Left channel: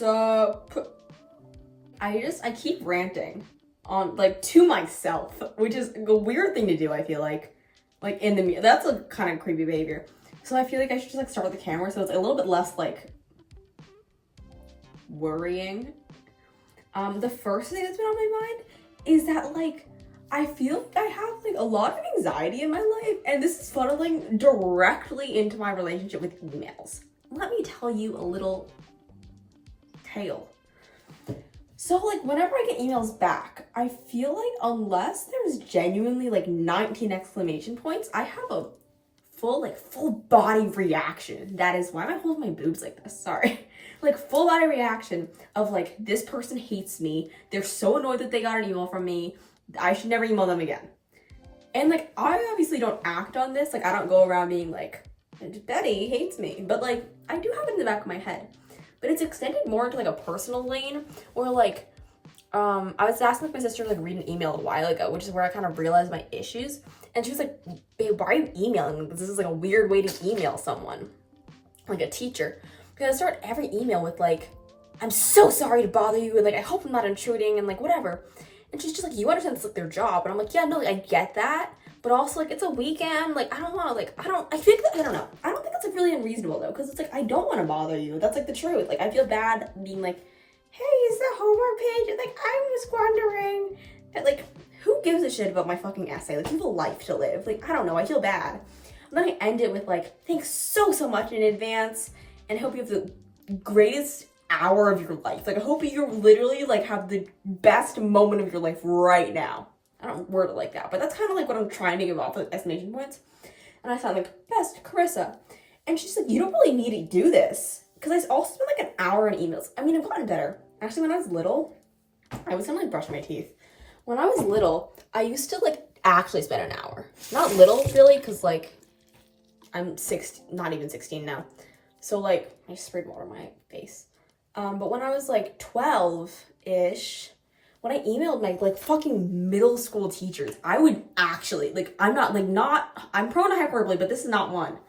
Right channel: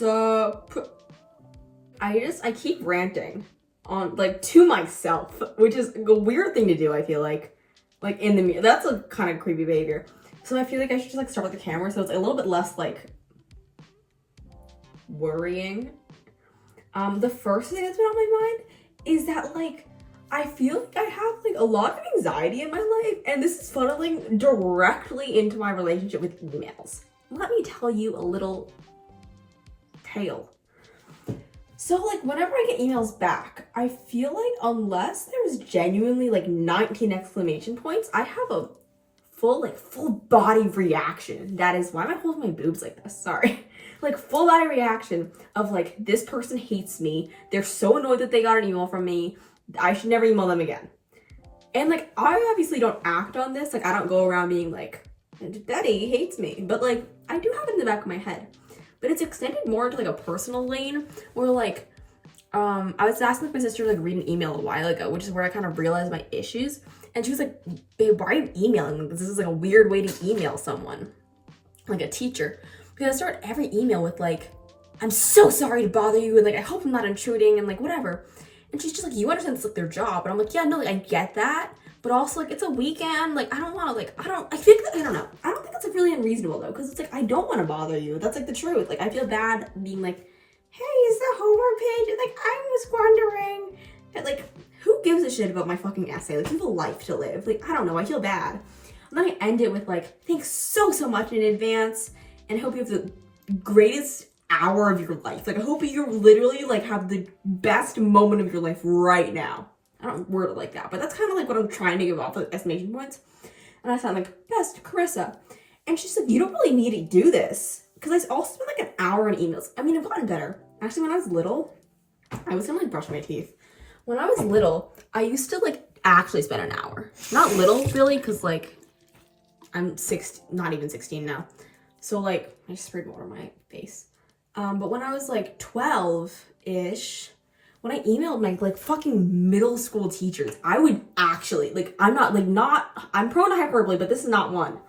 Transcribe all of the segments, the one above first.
What's up? I keep ranting on, like, to myself, which is a weird thing to do, I feel like in the mirror. That's a kind of creepy behavior. So I feel like I should just, like, start with the camera so it's a little bit less, like, worrying. The first thing that's been on my mind is that, like, I feel like I have, like, a lot of anxiety in my life, and this is funneling directly into my relationship with emails. Let me tell you a little tale. So, like, whenever I get emails back, I feel like unless there's genuinely, like, 19 exclamation points, I have a full body reaction. That is, why am I holding my boobs like this? Sorry. Like, full body reaction of, like, this person hates me. They're so annoyed that they got an email from me. I should never email them again. And, like, I obviously don't act on this. Like, I don't go around being like, Betty hates me. But, like, I do have it in the back of my head. But it's extended more into, like, a personal lane where, like, I was asking my sister to, like, read an email a while ago, which is where I kind of realized my issues. And she was like, babe, why are you emailing? This is, like, a weird way to email someone, like a teacher. Because I start every email with, like, I'm so sorry to bother you, and, like, I hope I'm not intruding, and, like, whatever. And she's just like, you understand it's, like, their job. And I'm like, yeah, no, like, I get that. But also, like, it's a weekend. Like, I don't want to, like, I think that, I don't know. I don't think that's, like, really unreasonable, though. Because it's, like, I don't want to bother you. That's, like, the truth. Like, I feel bad being like, hey, is the homework page? And, like, I was wondering. And, like, who gives a shit about my fucking essay? Like, you have a life to live. Like, I don't know. I feel bad. I'm not going to end it with, like, thanks so much in advance. And I hope you have the greatest hour of your life. Like, I hope you literally, like, have the best moment of your life right now. I don't word it like that, but that's kind of like what I'm trying to give off with exclamation points. And I sound like, best, Carissa. And she's like, you don't really need to do this. Because I also spent like an hour on emails. I mean, I've gotten better. Actually, when I was little, I was gonna like brush my teeth. When I was little, I used to like actually spend an hour. Not little, really, because like I'm not even 16 now. So like, I just sprayed water on my face. But when I was like 12-ish, when I emailed my, like, fucking middle school teachers, I would actually, like, I'm prone to hyperbole, but this is not one.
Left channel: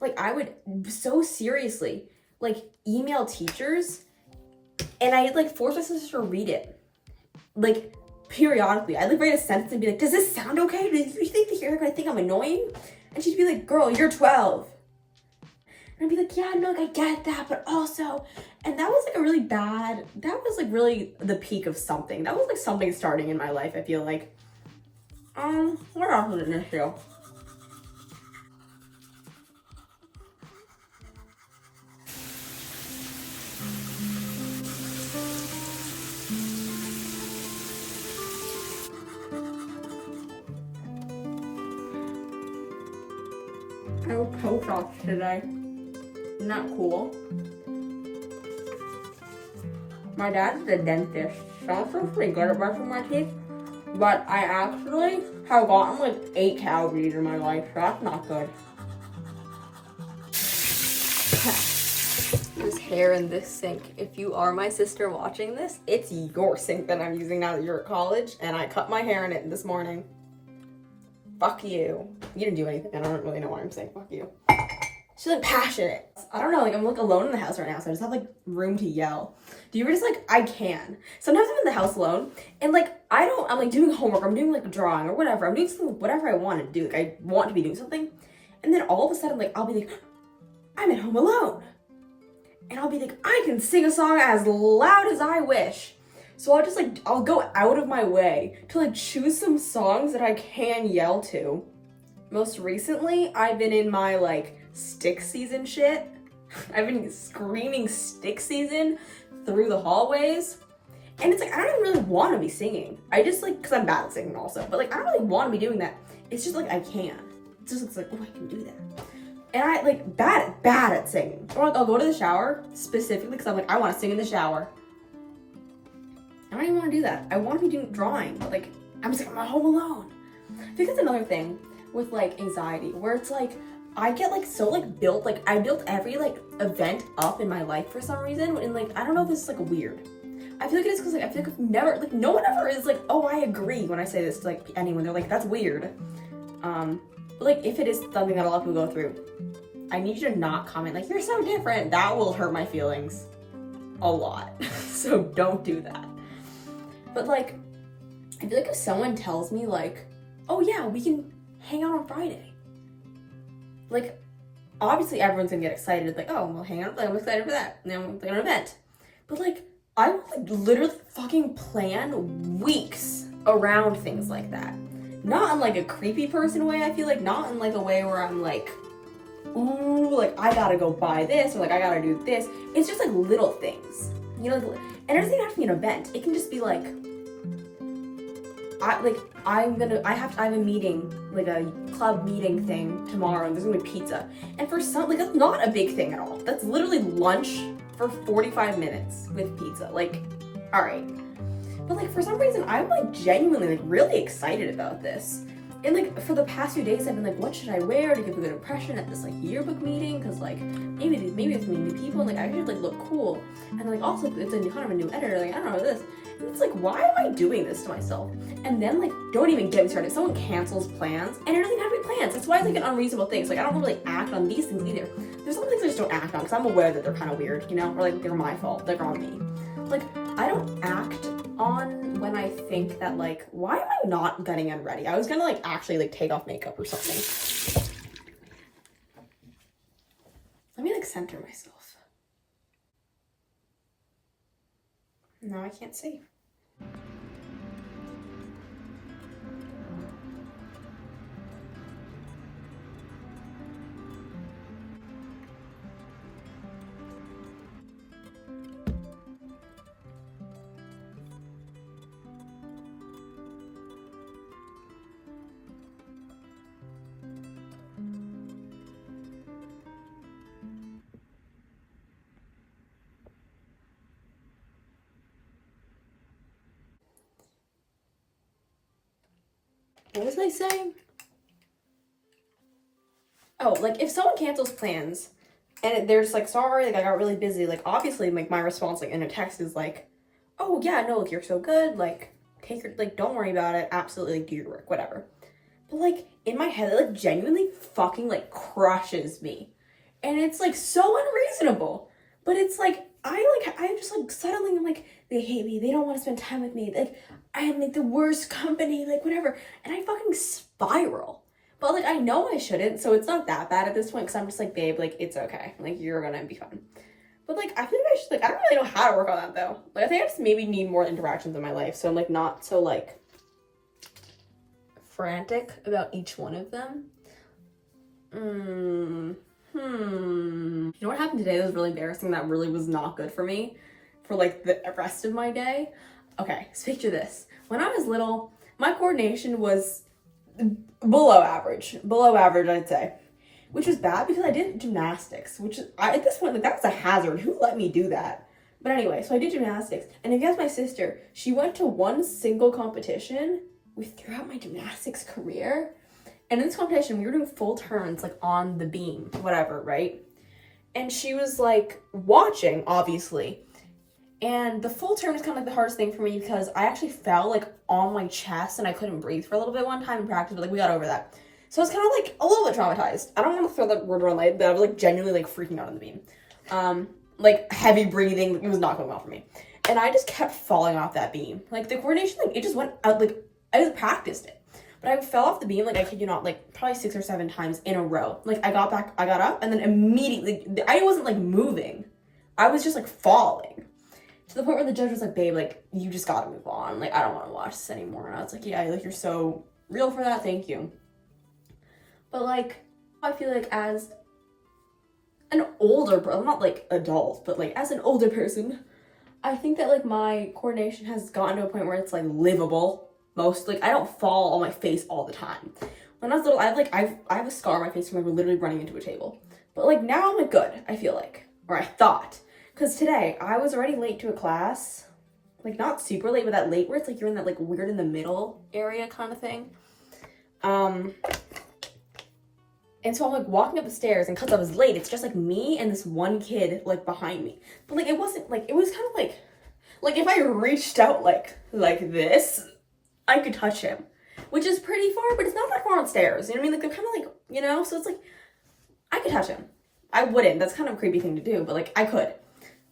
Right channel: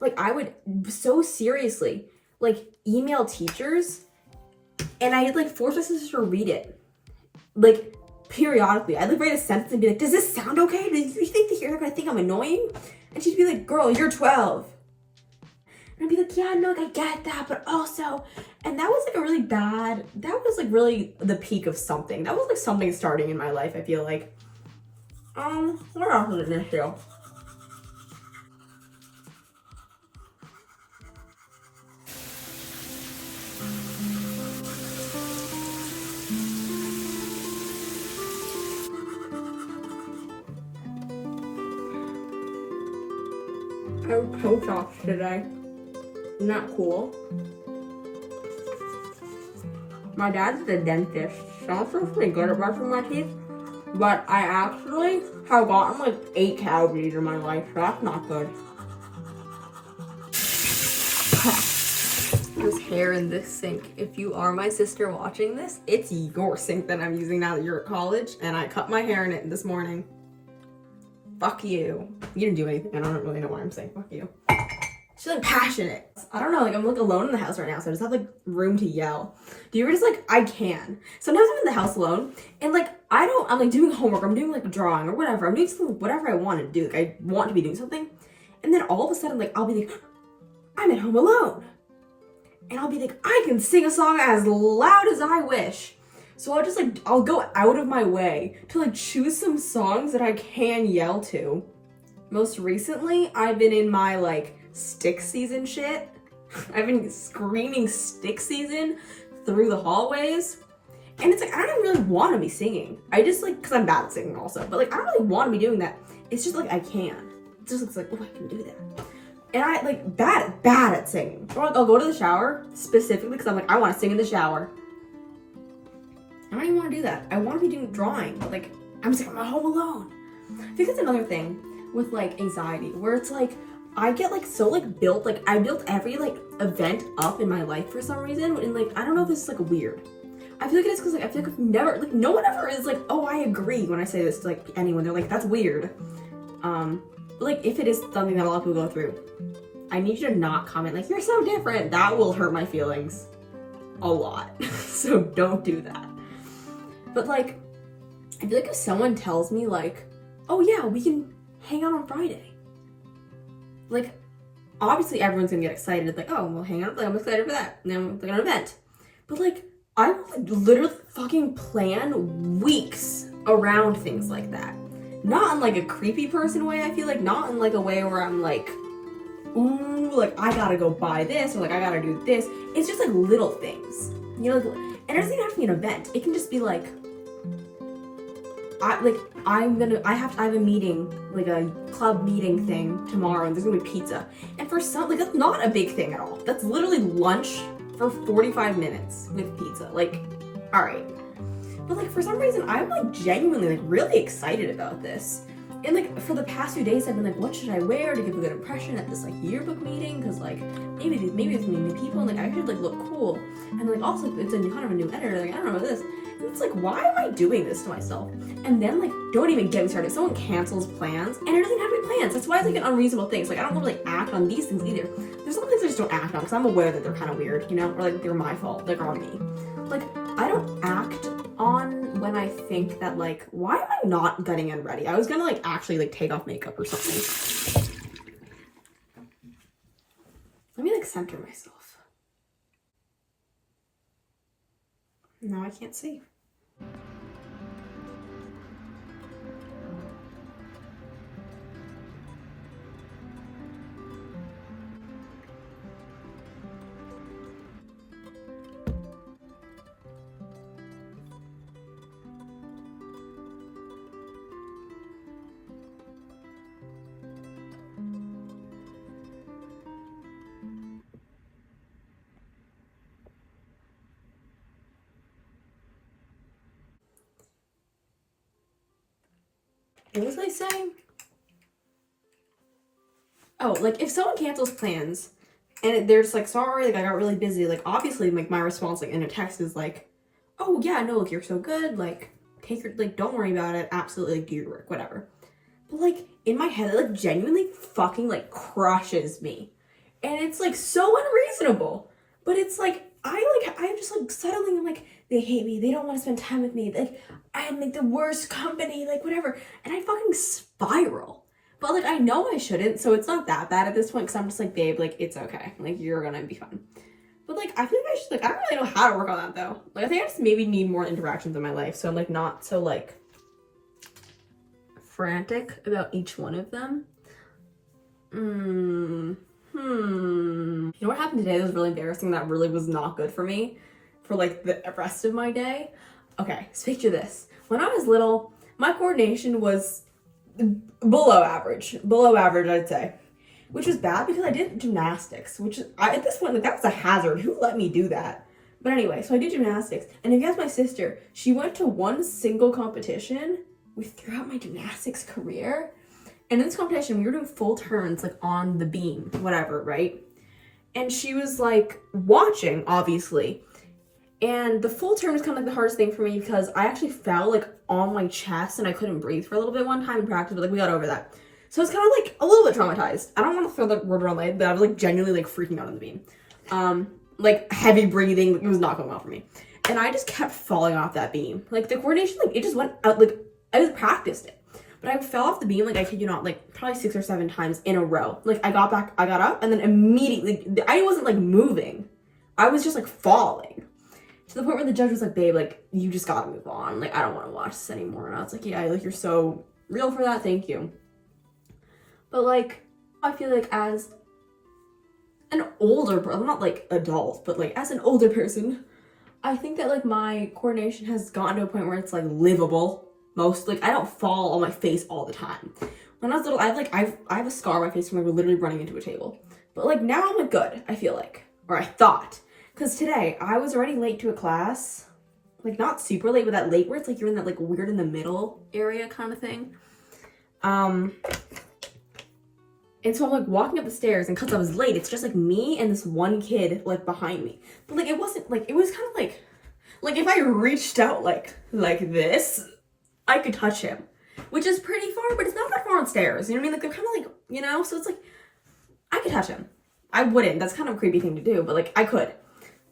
Like, I would so seriously, like, email teachers, and I'd, like, force my sister to read it. Like, periodically. I'd, like, write a sentence and be like, does this sound okay? Do you think they're gonna think I'm annoying? And she'd be like, girl, you're 12. And I'd be like, yeah, no, I get that, but also, and that was like a really bad, that was like really the peak of something. That was like something starting in my life, I feel like. What else is an issue? I have toe shots today. Isn't that cool? My dad's the dentist, so I'm supposed to be good at brushing my teeth, but I actually have gotten like 8 cavities in my life, so that's not good. There's hair in this sink. If you are my sister watching this, it's your sink that I'm using now that you're at college, and I cut my hair in it this morning. Fuck you. You didn't do anything. I don't really know why I'm saying fuck you. She's like passionate. I don't know, like I'm like alone in the house right now, so I just have like room to yell. Do you ever just like, I can. Sometimes I'm in the house alone and like I'm like doing homework, I'm doing like drawing or whatever. I'm doing something, whatever I want to do. Like I want to be doing something. And then all of a sudden, like I'll be like, I'm at home alone. And I'll be like, I can sing a song as loud as I wish. So I'll just like, I'll go out of my way to like choose some songs that I can yell to. Most recently, I've been in my like stick season shit. I've been screaming stick season through the hallways. And it's like, I don't really want to be singing. I just like, cause I'm bad at singing also, but like, I don't really want to be doing that. It's just like, I can. It's just, it's like, oh, I can do that. And I like bad at singing. Or like, I'll go to the shower specifically cause I'm like, I want to sing in the shower. I don't even want to do that. I want to be doing drawing, but like, I'm just like, I'm at home alone. I think that's another thing with like anxiety where it's like, I get like so like built, like I built every like event up in my life for some reason. And like, I don't know if this is like weird. I feel like it is because like, I feel like I've never, like no one ever is like, oh, I agree when I say this to like anyone. They're like, that's weird. But like if it is something that a lot of people go through, I need you to not comment like, you're so different. That will hurt my feelings. a lot. So don't do that. But like, I feel like if someone tells me like, oh yeah, we can hang out on Friday, like, obviously everyone's gonna get excited, like, oh, we'll hang out, like, I'm excited for that, and then we'll plan an event. But like, I will like literally fucking plan weeks around things like that. Not in like a creepy person way, I feel like, not in like a way where I'm like, ooh, like I gotta go buy this, or like I gotta do this. It's just like little things, you know, like, and it doesn't even have to be an event. It can just be like, I have a meeting, like a club meeting thing tomorrow, and there's gonna be pizza. And for some, like, that's not a big thing at all. That's literally lunch for 45 minutes with pizza. Like, all right. But like, for some reason, I'm like genuinely like really excited about this. And like, for the past few days, I've been like, what should I wear to give a good impression at this like yearbook meeting? Cause like, maybe it's gonna be new people, and like, I should like look cool. And like, also, it's a new, kind of a new editor, like, I don't know this. And it's like, why am I doing this to myself? And then like, don't even get me started. Someone cancels plans, and it doesn't have any plans. That's why it's like an unreasonable thing. It's like, I don't really act on these things either. There's some things I just don't act on, because I'm aware that they're kind of weird, you know? Or like, they're my fault, like, on me. Like, I don't act on when I think that like, why am I not getting unready? I was gonna like, actually like, take off makeup or something. Let me like, center myself. Now I can't see. What was I saying? Oh, like if someone cancels plans and they're just like, sorry, like I got really busy, like obviously like my response like in a text is like, oh yeah, no, like you're so good, like take your, like don't worry about it, absolutely like, do your work, whatever. But like in my head, it like genuinely fucking like crushes me. And it's like so unreasonable. But it's like, I'm just like settling, like they hate me, they don't want to spend time with me, like I am like the worst company, like whatever, and I fucking spiral. But like I know I shouldn't, so it's not that bad at this point, because I'm just like, babe, like it's okay, like you're gonna be fine. But like I feel like I should, like I don't really know how to work on that though. Like I think I just maybe need more interactions in my life, so I'm like not so like frantic about each one of them. You know what happened today that was really embarrassing, that really was not good for me for like the rest of my day? Okay, so picture this. When I was little, my coordination was below average I'd say, which was bad because I did gymnastics, which at this point, like that was a hazard. Who let me do that? But anyway, so I did gymnastics, and if you ask my sister, she went to one single competition throughout my gymnastics career. And in this competition, we were doing full turns, like on the beam, whatever, right? And she was like watching, obviously. And the full turn was kind of like the hardest thing for me, because I actually fell like on my chest and I couldn't breathe for a little bit one time in practice, but like we got over that. So I was kind of like a little bit traumatized. I don't want to throw that word around like, but I was like genuinely like freaking out on the beam. Like heavy breathing, it was not going well for me. And I just kept falling off that beam. Like the coordination, like it just went out, like I just practiced it. But I fell off the beam, like I kid you not, like probably 6 or 7 times in a row. Like I got up, and then immediately, I wasn't like moving. I was just like falling. To the point where the judge was like, babe, like you just gotta move on. Like I don't wanna watch this anymore. And I was like, yeah, like you're so real for that, thank you. But like, I feel like as an older person, not like adult, but like as an older person, I think that like my coordination has gotten to a point where it's like livable. Most, like I don't fall on my face all the time. When I was little, I have a scar on my face from like literally running into a table. But like now I'm like good, I feel like, or I thought, because today I was running late to a class, like not super late, but that late where it's like you're in that like weird in the middle area kind of thing. And so I'm like walking up the stairs, and because I was late, it's just like me and this one kid like behind me. But like it wasn't like, it was kind of like if I reached out like this, I could touch him, which is pretty far, but it's not that far on stairs. You know what I mean? Like they're kind of like, you know, so it's like I could touch him. I wouldn't. That's kind of a creepy thing to do, but like I could.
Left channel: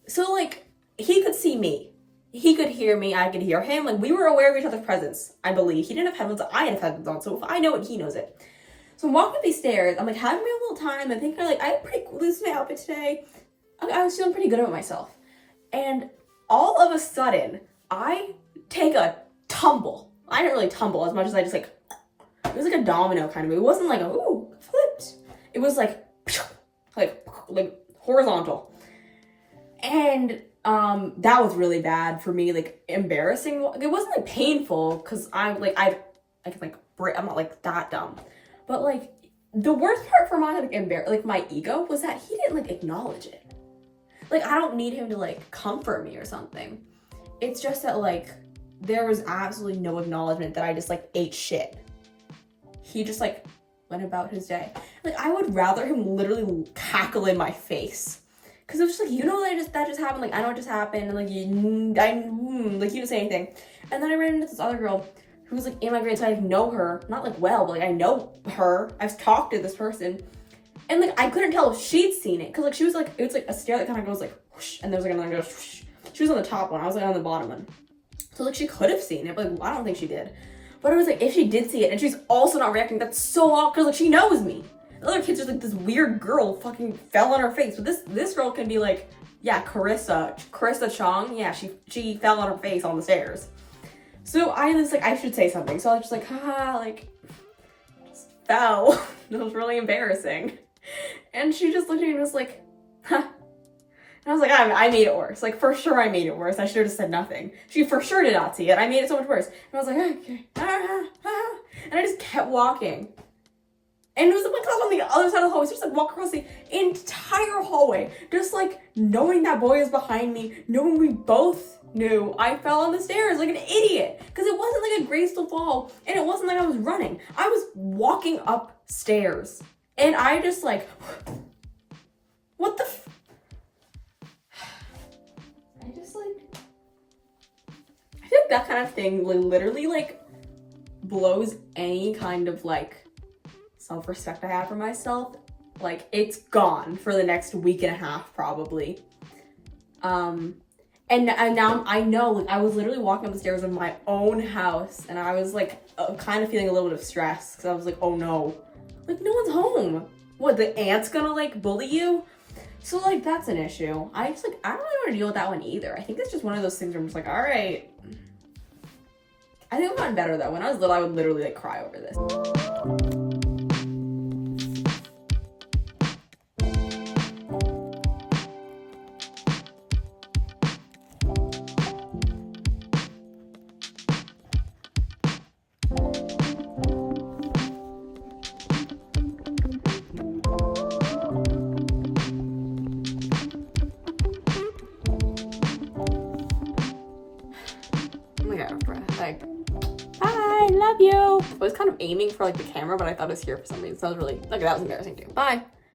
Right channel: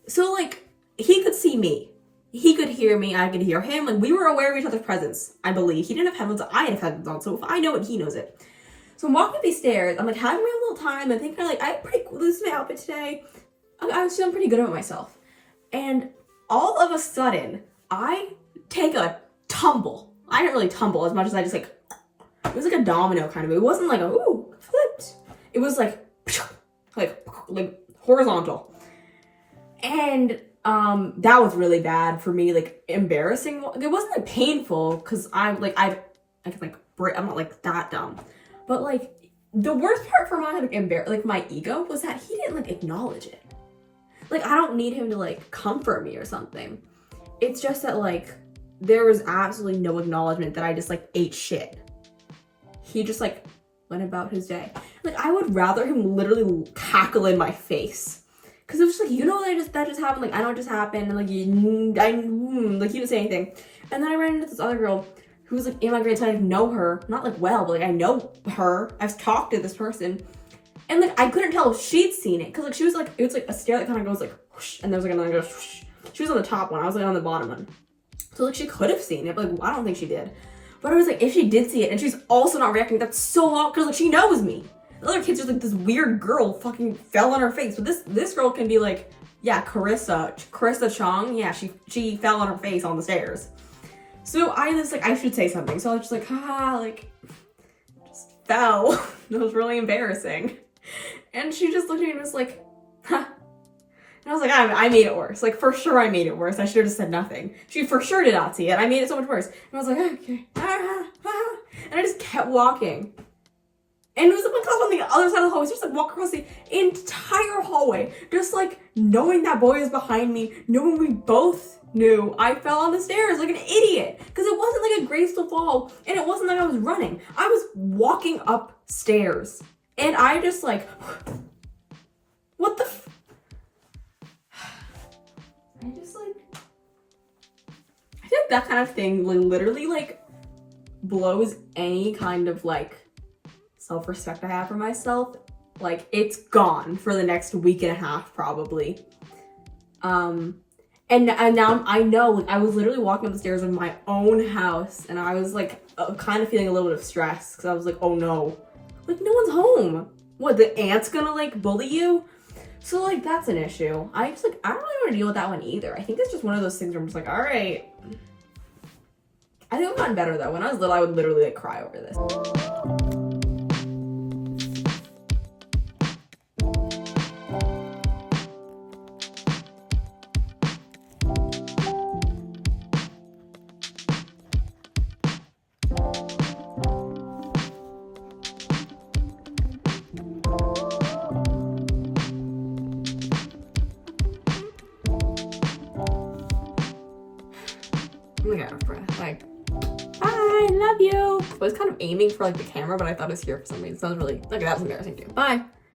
So like he could see me. He could hear me, I could hear him. Like, we were aware of each other's presence, I believe. He didn't have headphones, I had headphones on, so if I know it, he knows it. So I'm walking up these stairs, I'm like having my little time, I think I had pretty loose my outfit today. I was feeling pretty good about myself. And all of a sudden, I take a tumble. I didn't really tumble as much as I just like, it was like a domino kind of move. It wasn't like a, ooh, flipped. It was like horizontal. And that was really bad for me, like embarrassing. It wasn't like painful because I'm not like that dumb. But like the worst part for my my ego was that he didn't like acknowledge it. Like, I don't need him to like comfort me or something. It's just that like there was absolutely no acknowledgement that I just like ate shit. He just like went about his day. Like, I would rather him literally cackle in my face. Cause it was just like, you know that just happened, like I know it just happened, and like he didn't say anything. And then I ran into this other girl who was like in my grade, so I know her, not like well, but like I know her. I've talked to this person. And like I couldn't tell if she'd seen it. Cause like she was like, it was like a stair that kind of goes like whoosh, and there was like another goes whoosh. She was on the top one, I was like on the bottom one. So like she could have seen it, but like I don't think she did. But I was like, if she did see it and she's also not reacting, that's so awkward, cause like she knows me. The other kids are like, this weird girl fucking fell on her face. But this girl can be like, yeah, Carissa Chong, yeah, she fell on her face on the stairs. So I was like, I should say something. So I was just like, just fell. It was really embarrassing. And she just looked at me and was like, huh. And I was like, I made it worse. Like, for sure I made it worse. I should have just said nothing. She for sure did not see it. I made it so much worse. And I was like, okay. And I just kept walking. And it was like on the other side of the hallway. So just like walk across the entire hallway. Just like knowing that boy is behind me. Knowing we both knew I fell on the stairs like an idiot. Because it wasn't like a graceful fall. And it wasn't like I was running. I was walking upstairs. And I just like, what the I think that kind of thing literally like blows any kind of like self-respect I have for myself. Like, it's gone for the next week and a half probably. And now I know, like, I was literally walking up the stairs in my own house and I was like kind of feeling a little bit of stress because I was like, oh no, like no one's home. What, the aunt's gonna like bully you? So like that's an issue. I don't really want to deal with that one either. I think it's just one of those things where I'm just like, all right. I think I've gotten better though. When I was little, I would literally like cry over this. Like, hi, love you. I was kind of aiming for like the camera, but I thought it was here for some reason. So I was really, like, that was embarrassing too. Bye.